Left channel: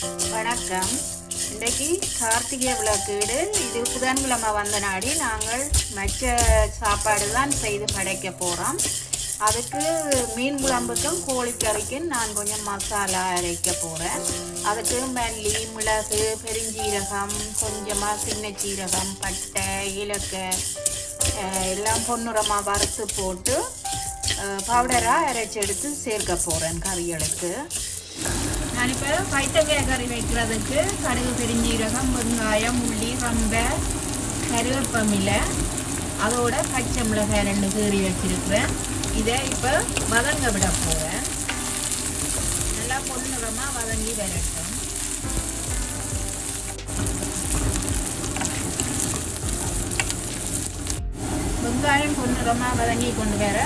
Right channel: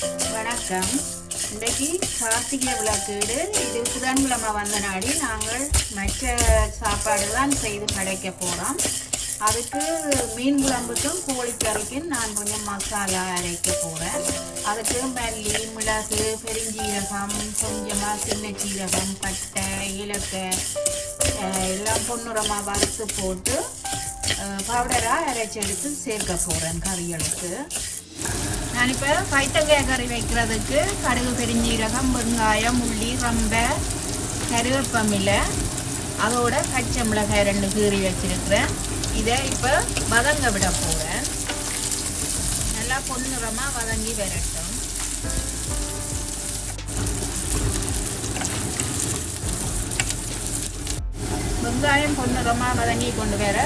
வணக்கம். இன்றைக்கு கார்த்திகை விளக்கீடு. இது புதன்கிழமை வந்த நாடி நாங்கள் மற்ற சாப்பாடுலாம் செய்து படைக்க போகிறோம். அதுக்கு மீன் குழம்புக்கும் கோழிக்கறிக்கும் நான் கொஞ்சம் மசாலா அரைக்க போகிறேன். அதுக்கு மல்லி, மிளகு, பெருஞ்சீரகம், கொஞ்சமாக சின்ன சீரகம், பட்டை, ஏலக்காய் எல்லாம் பொன்னிறமாக வறுத்து போட்டு பவுடராக அரைச்செடுத்து சேர்க்க போகிறேன் கறிகளுக்கு. நான் இப்போ பைத்தக்காய் கறி வைக்கிறதுக்கு கடுகு, பெருஞ்சீரகம், வெங்காயம், உள்ளி, சம்பை, கருவேப்பமில்லை, அதோட பச்சை மிளகாய் 2 கீறி வச்சிருக்கிறேன். இதை இப்போ வதங்க விட போகிறேன். நல்லா பொன்னிறமாக வதங்கி வரட்டும். வெங்காயம் பொன்னிறமாக வதங்கி கொண்டு வர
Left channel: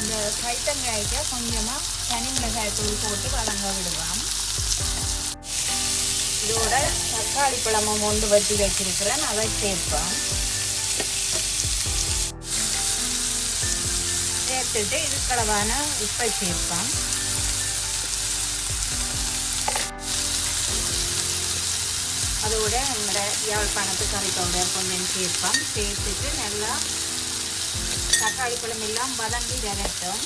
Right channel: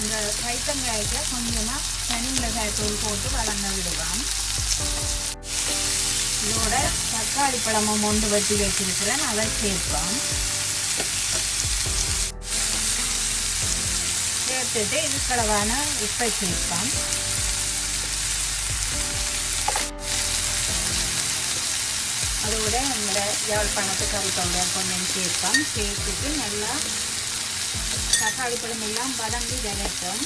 இந்த பைத்தங்காய்க்கு கொஞ்சமாக தனி மிளகாய் தூள் போட்டு வதங்க விடுவோம். இதோட தக்காளி பழமும் ஒன்று வெட்டி வச்சிருக்கிறேன், அதை சேர்ப்போம். சேர்த்துட்டு இதுக்களவான உப்பை சேர்ப்போம். அதோட இந்த யாழ்ப்பாணத்து கறி பவுடர் கொஞ்சம் சேர்ப்போம். சேர்த்துட்டு நல்லா தக்காளி பழம் எல்லாம் வதங்கி வரட்டும்.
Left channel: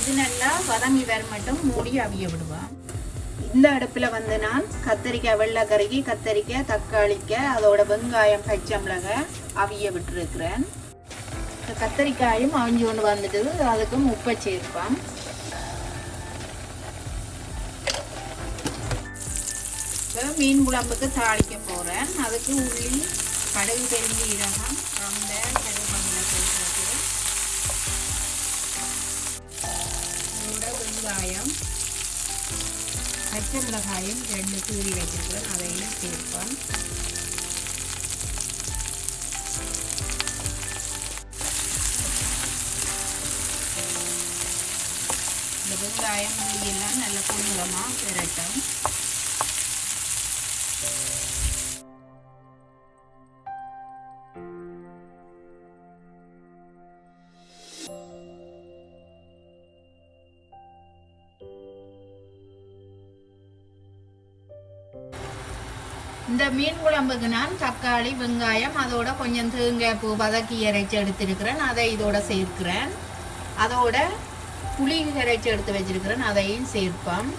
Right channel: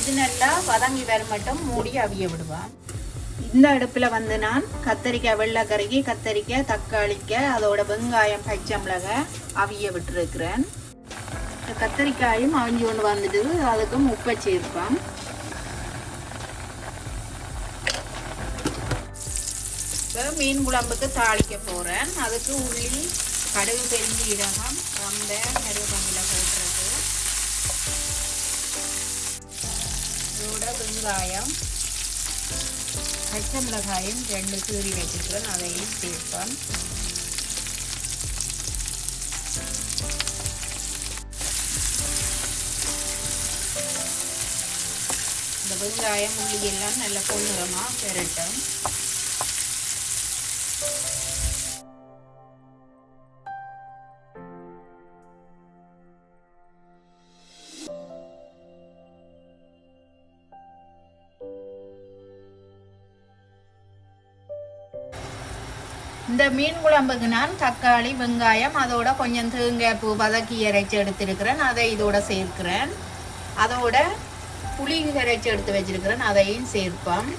இது நல்லா வதங்கி வர மட்டும் மூடி அவிய விடுவான். இந்த அடுப்பில் வந்து நான் கத்தரிக்காய், வெள்ளைக்கறிக்கு கத்தரிக்காய், தக்காளிக்காய், அதோட வெங்காயம், பச்சை மிளகாய் அவிய விட்டுருக்கிறேன். கத்தரிக்காயும் அவிஞ்சு கொண்டு வந்துட்டு அதுக்கு உப்பை சேர்ப்பேன். மீன் குழம்புக்கு தாளிக்க போகிறேன். அதுக்கு உள்ளி, கடுகு, பெருஞ்சீரகம், சம்பை, கருவேப்பிலை போட்டுறது, இதோட வெங்காயம், பச்சை மிளகாயும் 2 கீறி வச்சிருக்கிறேன், அதையும் சேர்ப்போம். இந்த வெங்காயம், உள்ளி எல்லாம் நல்ல பொன்னிறமாக பெறட்டும். இந்த மீன் குழம்புக்கு நான் தக்காளி, வெங்காயம், அதோட கொஞ்சம் தேங்காய் பூ வதக்கி இறைச்சி எடுத்திருக்கிறேன், அதை இதோட சேர்க்கிறேன். அதோட புளி இறைச்சி எடுத்து வச்சிருக்கிறேன், அதையும் சேர்ப்போம்.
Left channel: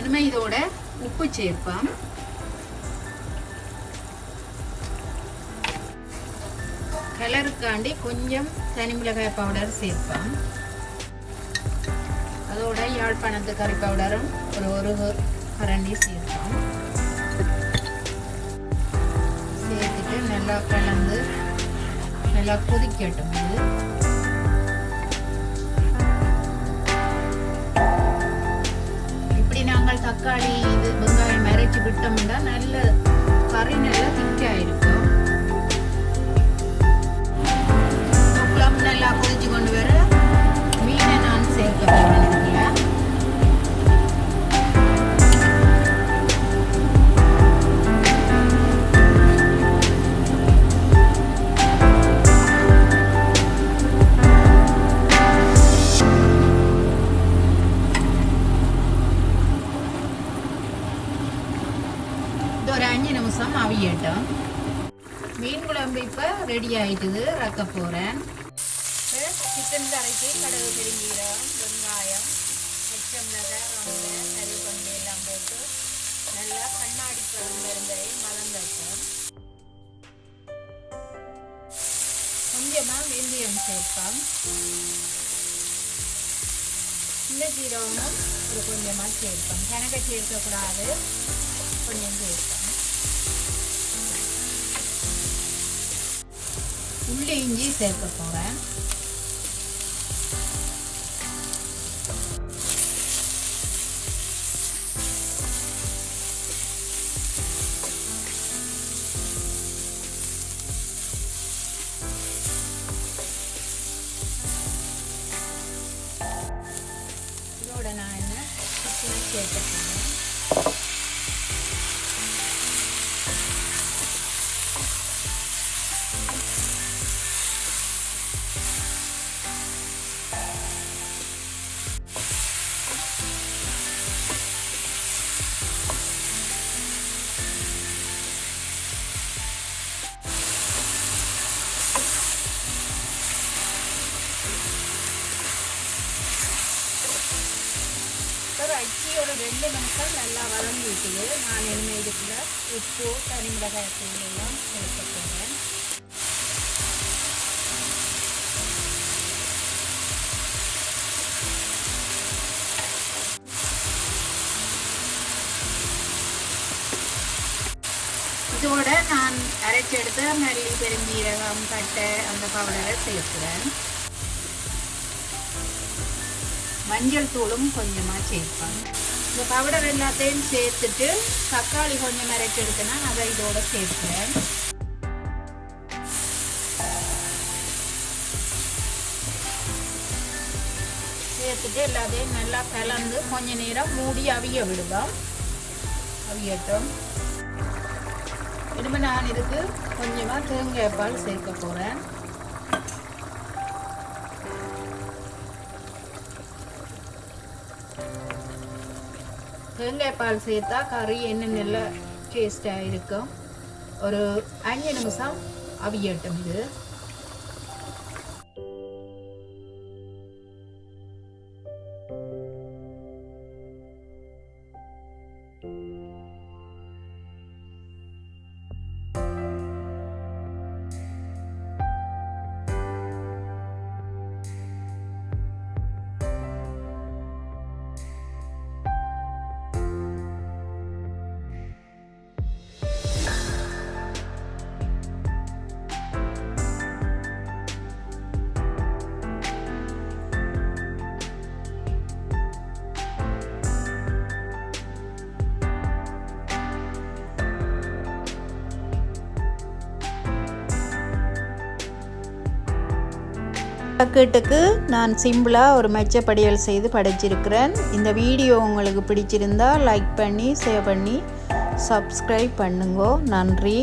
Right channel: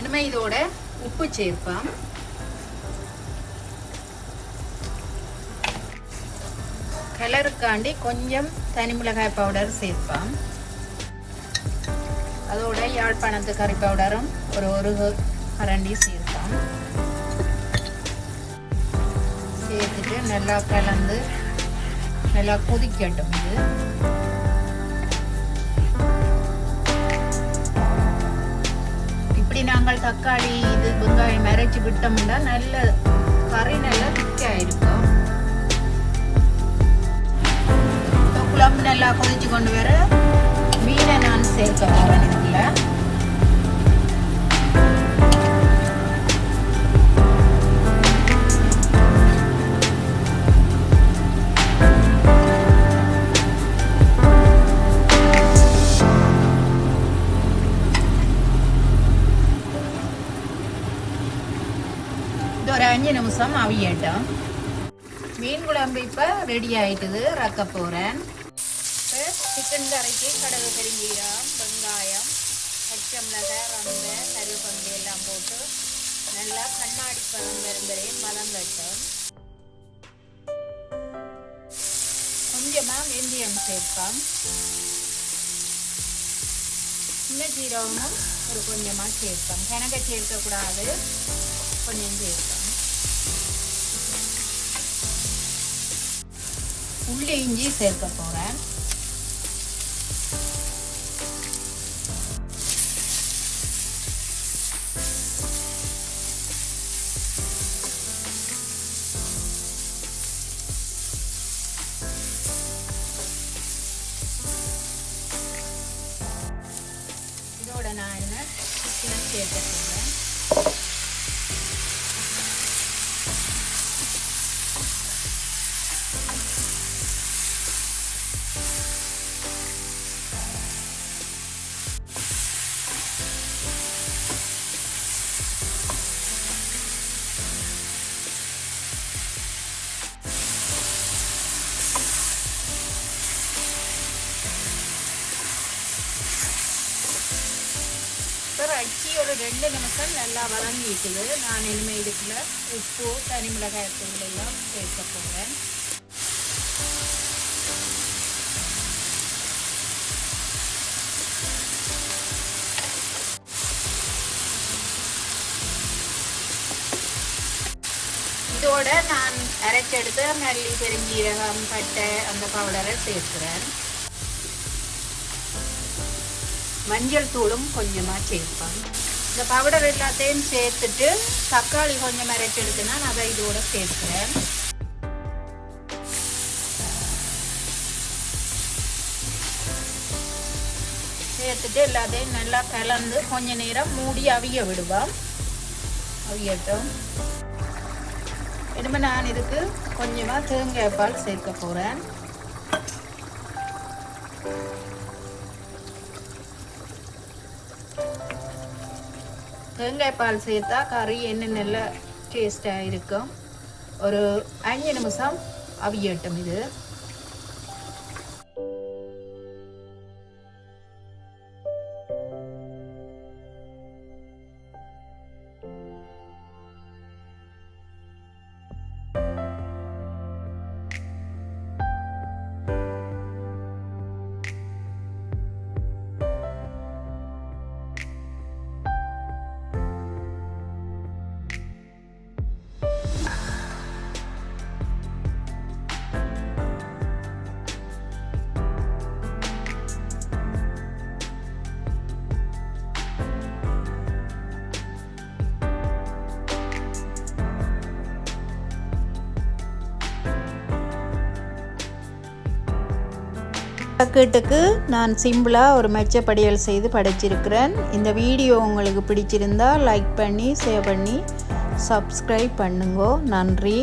இனிமே இதோட உப்பு சேர்ப்போம். கலருக்காண்டி கொஞ்சம் தனி மிளகாய் பவுடர் சேர்ப்போம். அதோட யாழ்ப்பாணத்து கறி பவுடரும் ஒரு கரண்டி சேர்ப்போம். சேர்த்துட்டு நல்லா கலந்து நல்லா கொதிக்கட்டும். இப்படி நாங்கள் தக்காளி, வெங்காயம் அரைச்சி விட்டோம்னா நல்ல கறி நல்லா திக்காயிருக்கும். நல்லா கொதிச்சு கொண்டு வர மீனை நான் சேர்க்க போறேன். இது ஒரு 5 நிமிஷம் அவியட்டும். மீன் குழம்பு இப்ப ரெடி ஆயிட்டுது, ரக்க போறேன். சிக்கன் கறிக்கு கடுகு, பெருஞ்சீரகம், வெங்காயம், பச்சை மிளகாய், வெங்காயம், கருவேப்பிலை எல்லாம் போட்டு நல்லா கண்ணாடி பதம் வதங்கட்டும். கொஞ்சமாக வெந்தயம் சேர்ப்போம். சின்ன சீரகமும் கொஞ்சமாக சேர்ப்போம். கிணறு சேர்க்கக்கூடாது, கொஞ்சம் சேர்ப்போம். உள்ளி, இஞ்சி சேர்க்க போகிறேன். இருக்குது. நான் இனிமேல் இருக்கிற உப்பு தனி மிளகாய் தூளெல்லாம் சேர்க்க போகிறேன். இதோட நான் அரைச்செடுத்து மல்லி பெருஞ்சீரகம் பட்டை அந்த பவுடரை சேர்க்கிறேன். மஞ்சள் தூளும் கொஞ்சமாக சேர்ப்பேன். இந்த பவுடர் எல்லாத்தையும் சேர்த்துட்டு தக்காளி கொஞ்சம் அரைச்செடுத்துனா நான் இதோட சேர்க்கிறேன். சேர்த்துட்டு எல்லாத்தையும் நல்லா கலந்து கொஞ்ச நேரம் மூடி அவிய விடுவோம். அவியட்டும். இனிமேல் நான் இதுக்கு கொஞ்சமாக தேங்காய் பால் சேர்க்க போகிறேன். தேங்காய் பால் சேர்த்தா கறி என்ன நல்லா டேஸ்டாக இருக்கும். ஒரு 5 நிமிஷம் அவியட்டும். இது பக்கெட்டுக்கு நான் சிம்பிளாக ஒரு மெச்சப்படியல் செய்து படைச்சிருக்கிறேன். இந்த வீடியோ உங்களுக்கு பிடிச்சிருந்தால் லைக் பண்ணி ஷேர் பண்ணி சப்ஸ்கிரைப் பண்ணுங்க. நன்றி.